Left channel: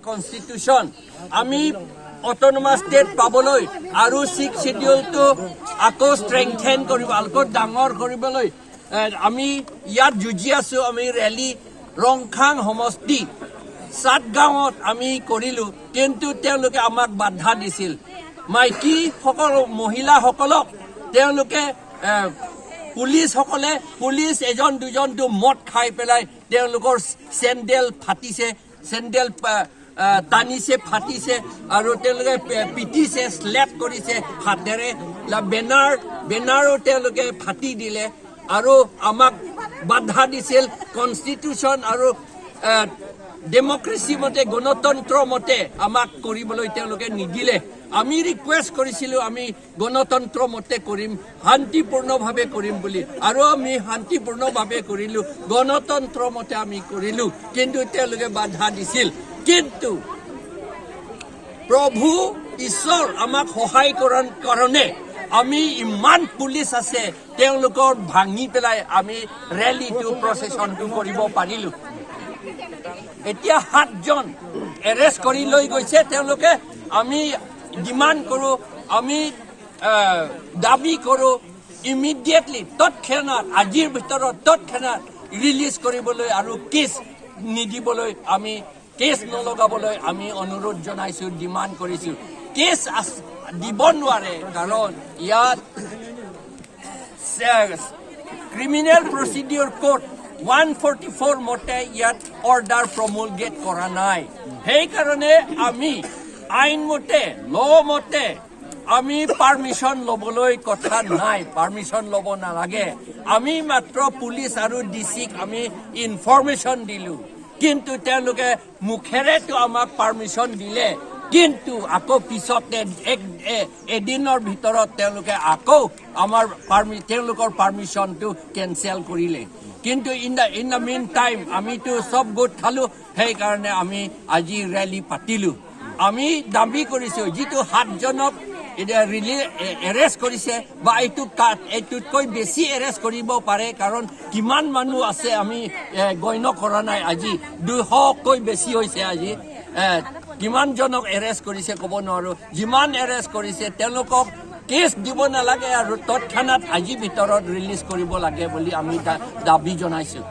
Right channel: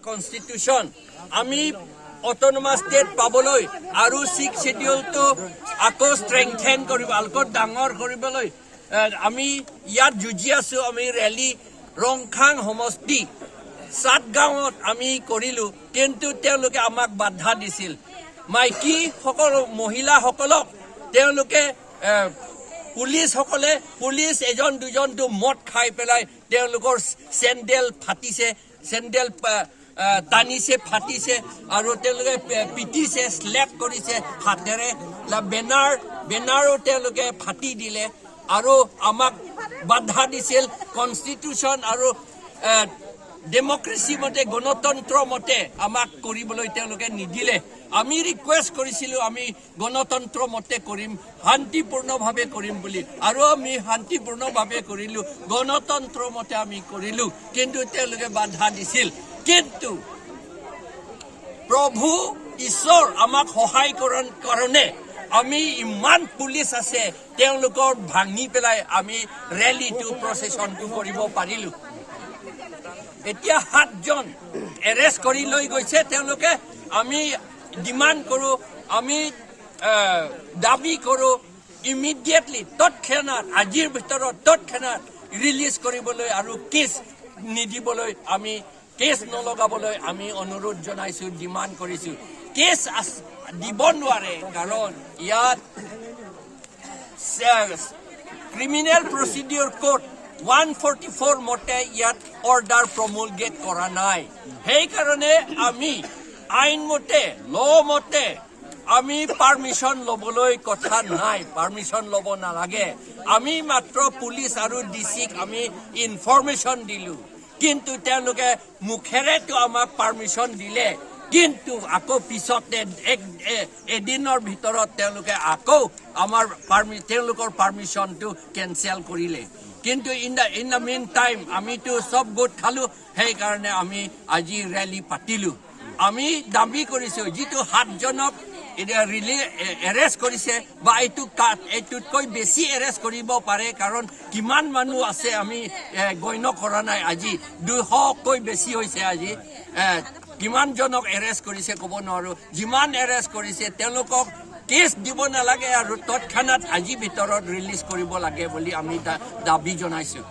Constitution, আমি autonomous state পাবলৈ আৰু 6th schedule to আকৌ strengthen কৰিব আকৌ ডাঙৰ কৰিবলৈ আমি ইয়াত যুঁজি আছো আমি ৰেলী ৰংখাং সমষ্টি 7 গাঁৱত আমি কৰিলো কিন্তু তেওঁলোকে আমাক বাধা দিছিল মাইকী সকল মহিলা সকলক তেওঁলোকে পুলিচ এজন দুজনটো মদ খাই পেলাই তেওঁলোকৰ চেন্ডেল ফাটিছে চেন্ডেল টানিছে ফাটিছে আৰু তেওঁলোকে পিটিছে স্লেপ কৰিছে হাতেৰে বেনাৰো তেওঁলোকে ফাটি দিলে আৰু আমাক বাধা দিছিল কনষ্টিটিউচন আৰু ডেমক্ৰেসি মতে গণতন্ত্ৰ মতে আমাক কৰিবলৈ তেওঁলোকে নিদিলে আমি ৰিকুৱেষ্ট কৰিছিলো আমি গণতন্ত্ৰ মতে কৰিম শান্তিপূৰ্ণভাৱে কৰিম বুলি আৰু আমি শান্তিপূৰ্ণভাৱে কৰিলো গণতন্ত্ৰ মতে আমি কৰিলো কিন্তু তেওঁলোকে বাধা দিছিল কিন্তু প্ৰভু ঈশ্বৰ আমাক সহায় কৰাৰ কাৰণে আমি ইমান পুলিচ আছে তেওঁলোকৰ ভাঙি পেলাই আমি ৰেলীটো প্ৰচেছনটো কৰিব পাৰিলো এতিয়া 7 জন এৰেষ্ট কৰি লৈ গৈছে তেওঁলোকে আমি ডিমান্ড কৰো আমি দাবী কৰো ইমিডিয়েটলি তৎক্ষণাত আজিৰ ভিতৰত তৎক্ষণাত ৰিলিজ কৰিবলৈ আৰু কেছ নিদিবলৈ আমি কেছ নলগাবলৈ আমি অনুৰোধ জনাইছো ডিমান্ড কৰিছো কেছ দিব নোৱাৰে কাৰণ ইয়াত ক্ৰিমিনেল প্ৰচিডিউৰ কোড 144 মতে ইয়াত অৰ্ডাৰ প্ৰমুলগেট কৰা নাই সেই কাৰণে আমি আইন মতে ল মতে আমি পাৰমিশন লবলৈ কথা নাই পাৰমিশন লব নালাগে আমি মাত্ৰ পুলিচ আৰু ডিসিক আমি ইনফৰমেশন দিলো কিন্তু তেওঁলোকে মুখেৰেটো আমাক পাৰমিশন দিলে কিন্তু আকৌ পিছতে এদিনৰ ভিতৰত তেওঁলোকে আকৌ আমাৰ তেওঁলোকৰ পাৰমিশনটো কেনসেল কৰিলে কিন্তু ইন দ্য মিন টাইম আমিতো সব গোট খালো সেই কাৰণে আমি আজি ৰেলী পাতিলো আমি দাবী কৰিছো যেটো 7 জনক এৰেষ্ট কৰিছে বা এইটোতকৈ বেছি এৰেষ্ট কৰিব পাৰে কাৰণ কিমান মানুহ আছে আমি গণ্য কৰা নাই আজি 200কৈ বেছি হৈছে আজি কিমান জনক এৰেষ্ট কৰিছে ক'ব নোৱাৰো যিমান এৰেষ্ট কৰিছে তেওঁলোকক কেছ দিব নালাগে আৰু তৎক্ষণাত আজি ভিতৰত ৰিলিজ কৰিব লাগে বুলি আমি দাবী জনাইছো